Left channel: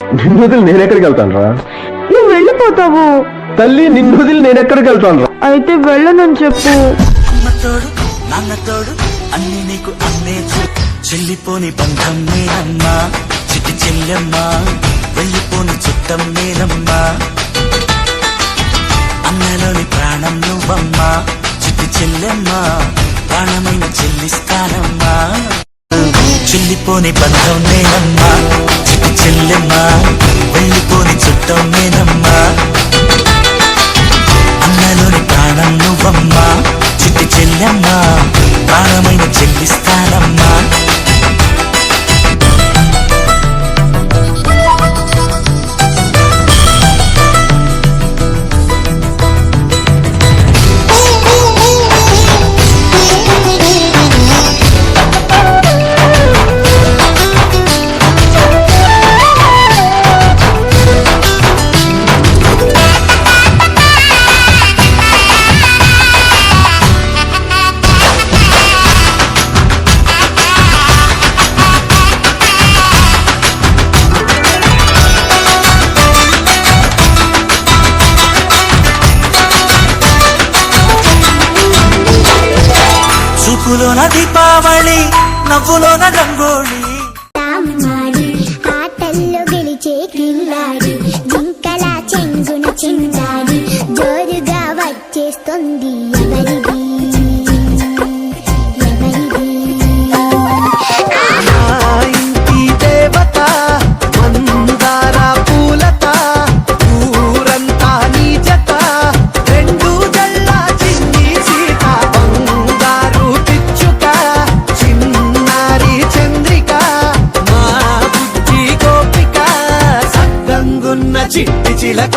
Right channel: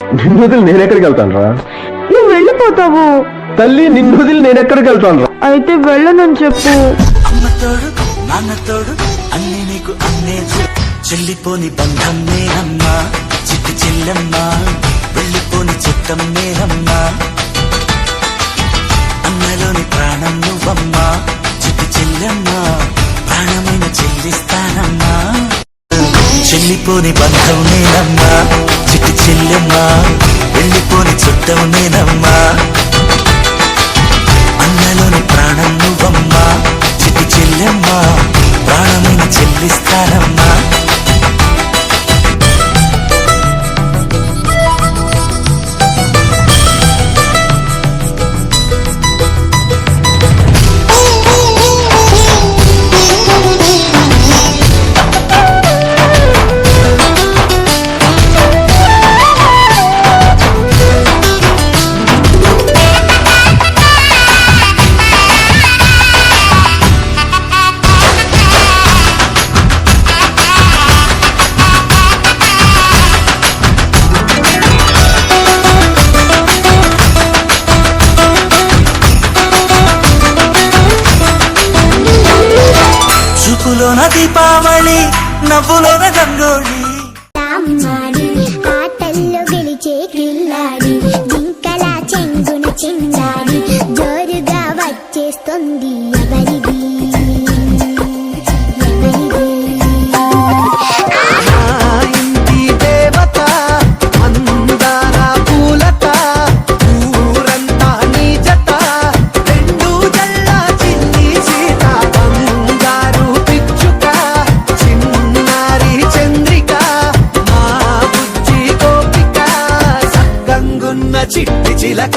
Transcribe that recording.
నిన్ను వదిలి నేనెక్కడికి వెళ్తాను రా? నువ్వు వెళ్ళిపోతావు. తల్లి, నిన్ను వదిలి నేనెక్కడికి వెళ్తాను రా? అయితే వెళ్ళనని చెప్పు. అన్ని నీకు అన్నేచ్చు చెల్లిపోని బంధం నేనమ్మా, చిట్టి చెల్లమ్మా, వెళ్ళిపోని చిత్తం నేనమ్మా, అన్నలోని ప్రాణం నువ్వమ్మా, చిట్టి చెల్లమ్మా, ప్రాణమైన చెల్లిస్తానమ్మా, చెల్లిపోని బంధం నేనమ్మా, చిట్టి చెల్లమ్మా, వెళ్ళిపోని చుట్టం నేనమ్మా, అన్నలోని ప్రాణం నువ్వమ్మా, చిట్టి చెల్లమ్మా, ప్రాణమైన చెల్లిస్తానమ్మా. చూపులోన దీపావళి, నవ్వులోన రంగోళి, ఆటల్లో గెలిచే కిల్లాడి, జింకల చెంగున చిందాడి, జోరుగా వచ్చేస్తుంది ఎవరిది ఎవరిది. చిట్టి చిలక